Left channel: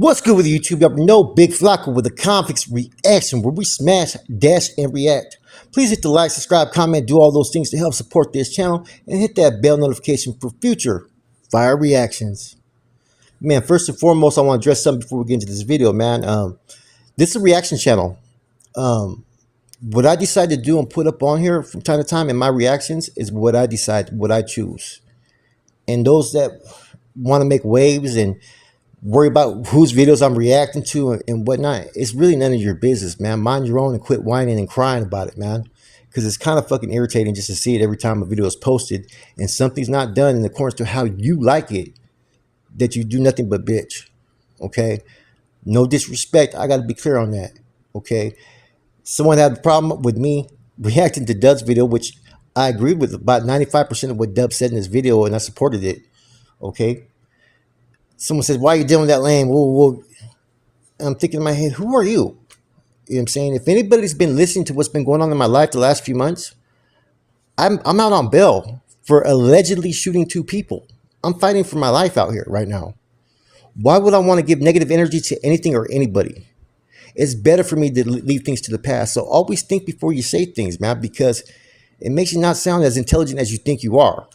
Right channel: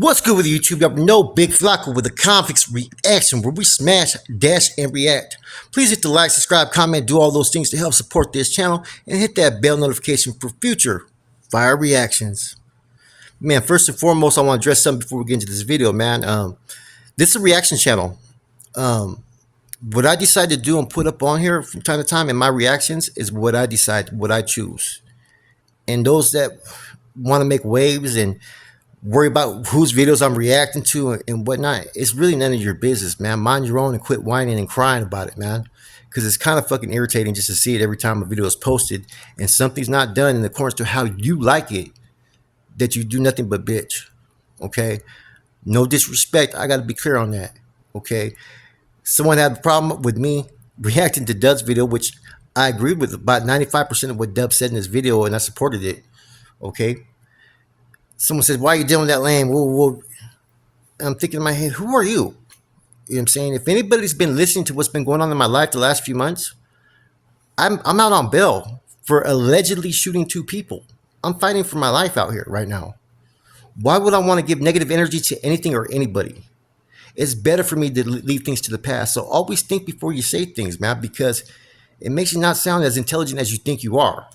What's good with YouTube? Y'all know Big Flacco with a convicts reaction where we smash, dash, and react. Please hit the like, subscribe, comment, do all those things to help support this channel, and hit that bell notification for future fire reactions. Man, first and foremost, I want to address something before we get into this video, man. This is a reaction channel. What I decide to do and put up on here from time to time in my reactions is what I decide, what I choose. And those that want to make waves and worry about whose videos I'm reacting to and whatnot, it's really none of your business, man. Mind your own and quit whining and crying about it, man. Because it's kind of fucking irritating just to see it every time a video is posted and something's not done in accordance to how you like it, that you do nothing but bitch. Okay? No disrespect. I got to be clear on that. Okay? Someone had a problem with me reacting to Dub's video, which I agreed with about 95% of what Dub said in this video, and I supported it. Okay? Someone says, why are you dealing with that lame? Whoa, whoa. I'm thinking in my head, who are you? You know what I'm saying? If anybody's been listening to what's been going on in my life the last few months, I'm out on bail for allegedly shooting 2 people. I'm fighting for my life out here right now. Why would I want to give negative energy to anything or anybody? It's better for me to leave things to the past. So always think before you say things, man, because it makes you not sound as intelligent as you think you are.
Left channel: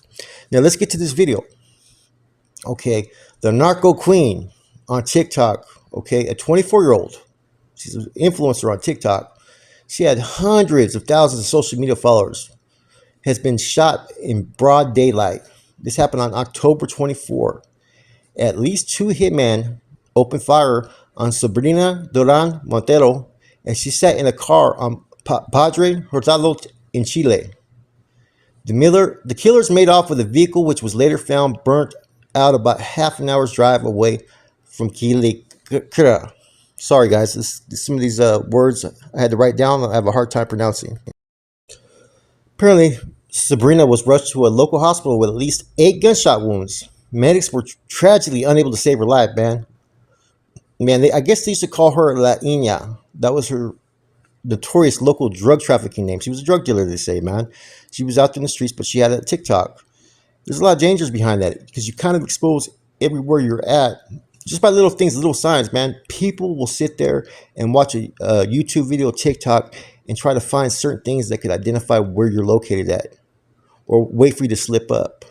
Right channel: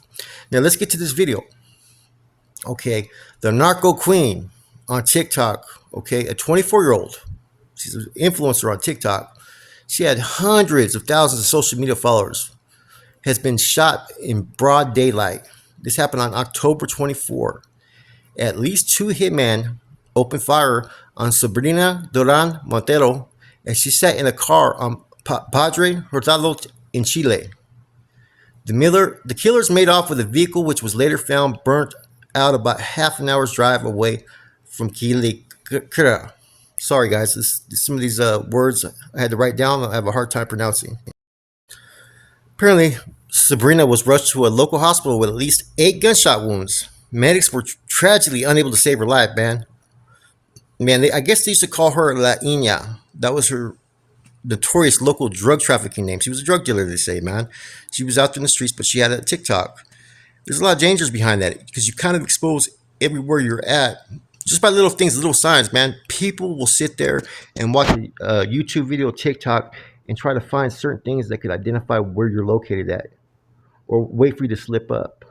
Now let's get to this video. Okay, the Narco Queen on TikTok, okay, a 24-year-old, she's an influencer on TikTok. She had hundreds of thousands of social media followers, has been shot in broad daylight. This happened on October 24. At least 2 hitmen opened fire on Sabrina Duran Montero, and she sat in a car on Padre Hurtado in Chile. The killers made off with a vehicle which was later found burnt out about half an hour's drive away from Quilicura. Sorry guys, some of these words I had to write down, I have a hard time pronouncing. Apparently, Sabrina was rushed to a local hospital with at least 8 gunshot wounds. Medics were tragically unable to save her life, man. I guess they used to call her La Niña. That was her notorious local drug trafficking name. She was a drug dealer, they say, man. She was out there in the streets, but she had a TikTok. There's a lot of dangers behind that because you kind of expose everywhere you're at just by little things, little signs, man. People will sit there and watch a YouTube video, TikTok, and try to find certain things that could identify where you're located at or wait for you to slip up.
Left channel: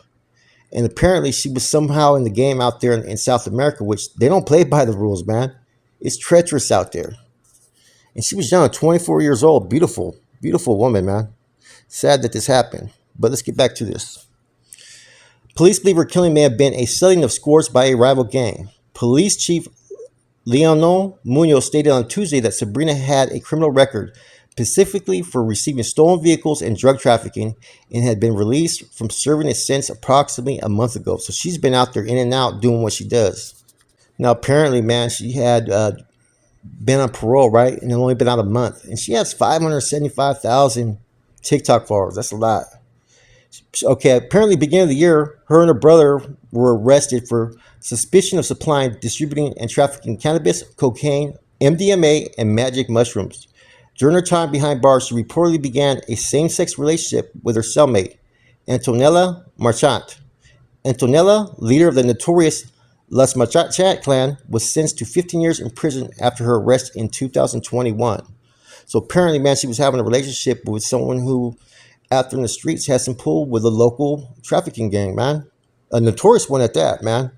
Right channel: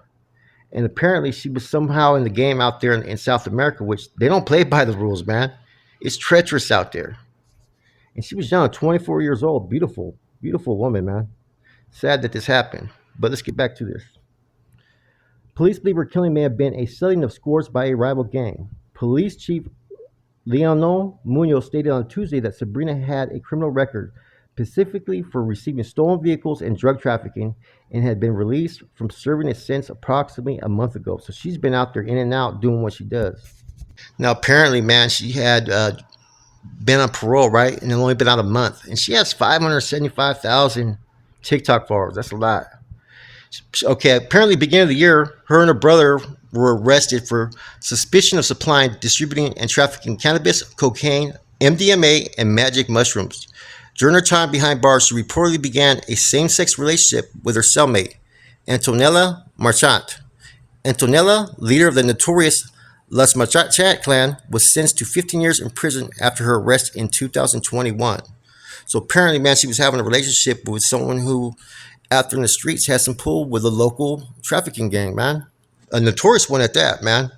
And apparently she was somehow in the game out there in South America, which they don't play by the rules, man. It's treacherous out there. And she was young, 24 years old. Beautiful, beautiful woman, man. Sad that this happened. But let's get back to this. Police believe her killing may have been a settling of scores by a rival gang. Police Chief Leonel Munoz stated on Tuesday that Sabrina had a criminal record, specifically for receiving stolen vehicles and drug trafficking, and had been released from serving a sentence approximately a month ago. So she's been out there in and out doing what she does. Now, apparently, man, she had been on parole, right? And only been out a month. And she has 575,000 TikTok followers. That's a lot. Okay, apparently beginning of the year, her and her brother were arrested for suspicion of supplying, distributing, and trafficking cannabis, cocaine, MDMA, and magic mushrooms. During her time behind bars, she reportedly began a same-sex relationship with her cellmate, Antonella Marchant. Antonella, leader of the notorious Las Marchant clan, was sentenced to 15 years in prison after her arrest in 2021. So apparently, man, she was having a relationship with someone who, out there in the streets, has some pull with a local trafficking gang, man. A notorious one at that, man.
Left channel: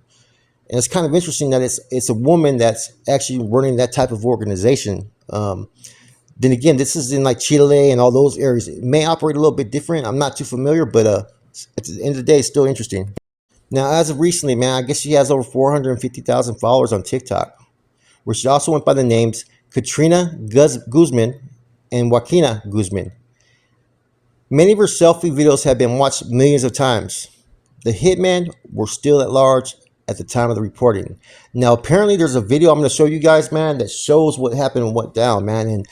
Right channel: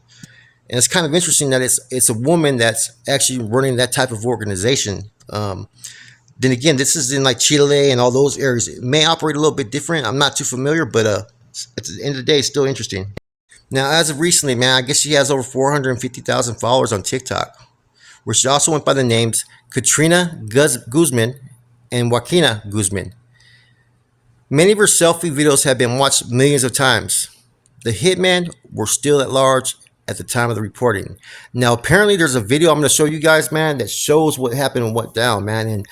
And it's kind of interesting that it's a woman that's actually running that type of organization. Then again, this is in like Chile and all those areas. It may operate a little bit different. I'm not too familiar, but at the end of the day, it's still interesting. Now, as of recently, man, I guess she has over 450,000 followers on TikTok, where she also went by the names Katrina Guzman and Joaquina Guzman. Many of her selfie videos have been watched millions of times. The hitmen were still at large at the time of the reporting. Now, apparently there's a video I'm going to show you guys, man, that shows what happened and went down, man. And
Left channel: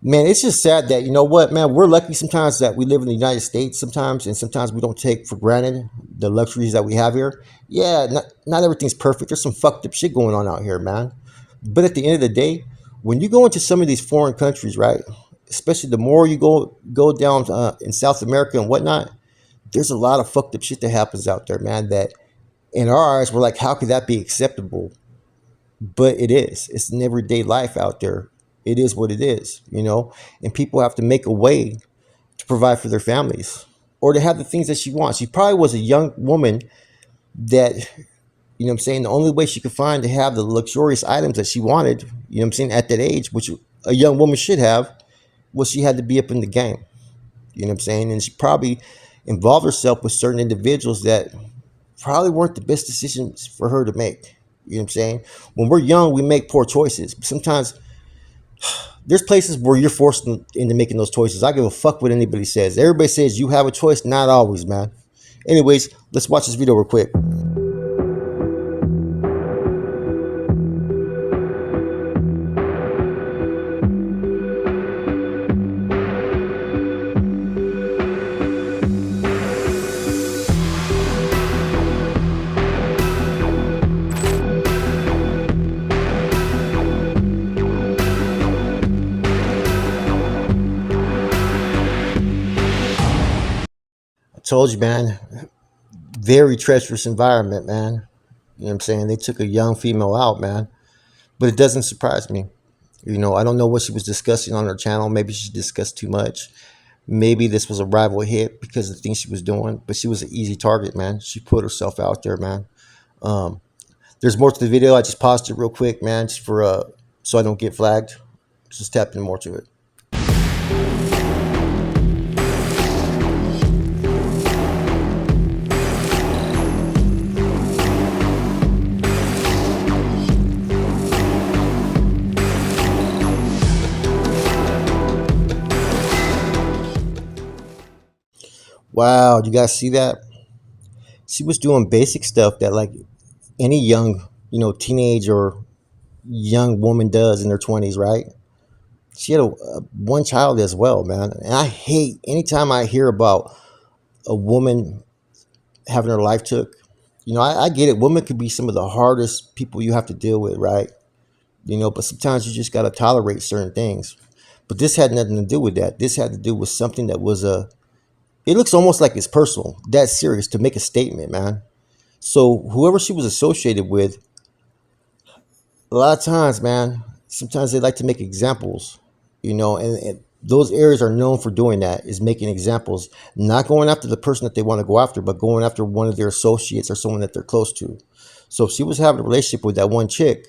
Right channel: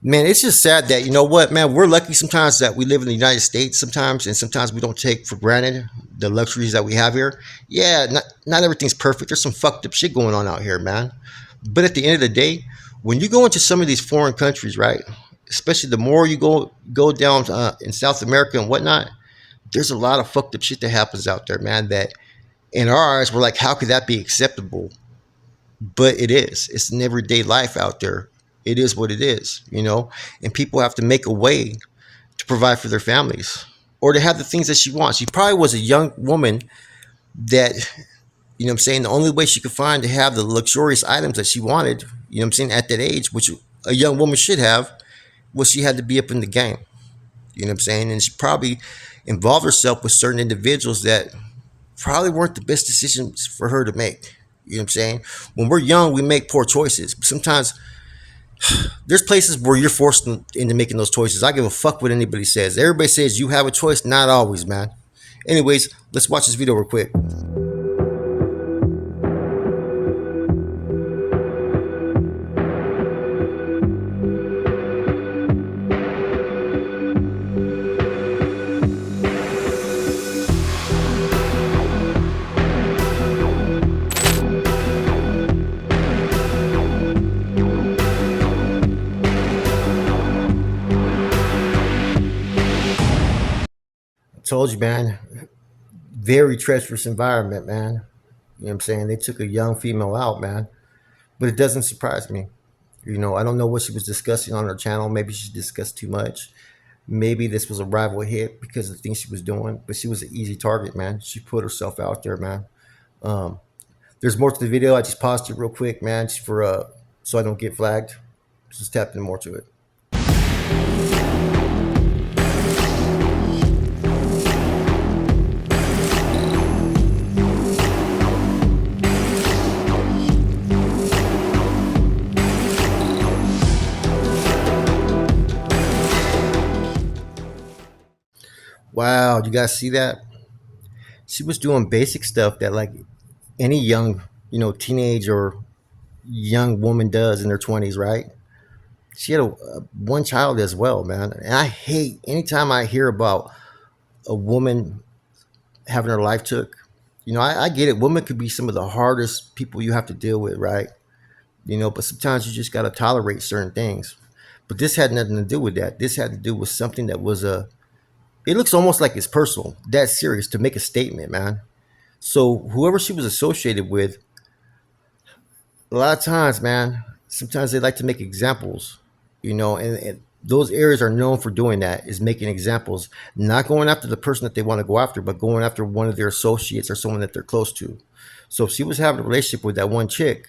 man, it's just sad that, you know what, man, we're lucky sometimes that we live in the United States sometimes, and sometimes we don't take for granted the luxuries that we have here. Yeah, not everything's perfect. There's some fucked up shit going on out here, man. But at the end of the day, when you go into some of these foreign countries, right, especially the more you go down in South America and whatnot, there's a lot of fucked up shit that happens out there, man, that in our eyes, we're like, how could that be acceptable? but it is. It's an everyday life out there. It is what it is, and people have to make a way to provide for their families or to have the things that she wants. She probably was a young woman that, I'm saying, the only way she could find to have the luxurious items that she wanted, I'm saying, at that age, which a young woman should have, was she had to be up in the game. I'm saying? And she probably involved herself with certain individuals that probably weren't the best decisions for her to make. I'm saying? When we're young, we make poor choices. But sometimes there's places where you're forced into making those choices. I give a fuck what anybody says. Everybody says you have a choice. Not always, man. Anyways, let's watch this video real quick. I told you, man. Very treacherous environment, man. You know what I'm saying? They took a young female out, man. But it doesn't surprise me. I don't know what she was discussing on her channel. Maybe she discussed too much. Maybe this was a rival hit because of the things she was doing. But she was an easy target, man. She put herself out there, man. Um, there's more to the video. I just paused it real quick, man, just for so I don't get flagged. Just tap in more to it. Wow, you guys see that? She was doing basic stuff that like any young, teenage or young woman does in their 20s, right? She had one child as well, man. And I hate anytime I hear about a woman having her life took. I get it. Women could be some of the hardest people you have to deal with, right? But sometimes you just got to tolerate certain things. But this had nothing to do with that. This had to do with something that was it looks almost like it's personal, that serious, to make a statement, man. So whoever she was associated with, a lot of times, man, sometimes they like to make examples, and those areas are known for doing that, is making examples, not going after the person that they want to go after, but going after one of their associates or someone that they're close to. So if she was having a relationship with that one chick,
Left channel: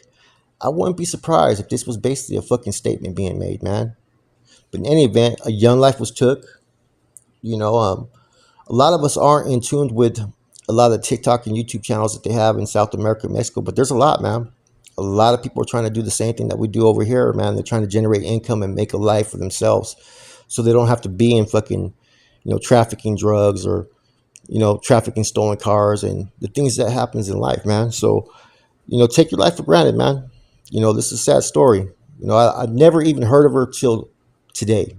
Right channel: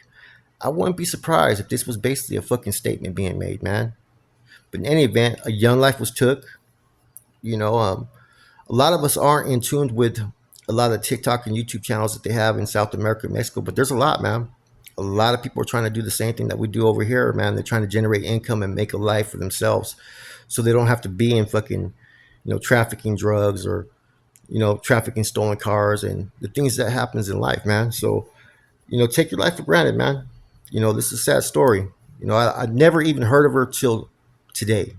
I wouldn't be surprised if this was basically a fucking statement being made, man. But in any event, a young life was took. A lot of us aren't in tune with a lot of TikTok and YouTube channels that they have in South America and Mexico, but there's a lot, man. A lot of people are trying to do the same thing that we do over here, man. They're trying to generate income and make a life for themselves so they don't have to be in fucking, trafficking drugs or, trafficking stolen cars and the things that happens in life, man. So, take your life for granted, man. This is a sad story. I never even heard of her till today.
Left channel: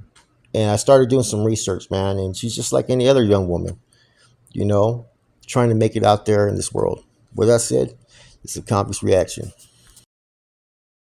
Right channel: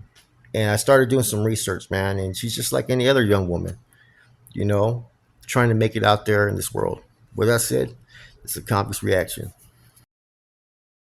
And I started doing some research, man, and she's just like any other young woman, you know, trying to make it out there in this world. With that said, it's a Compass reaction.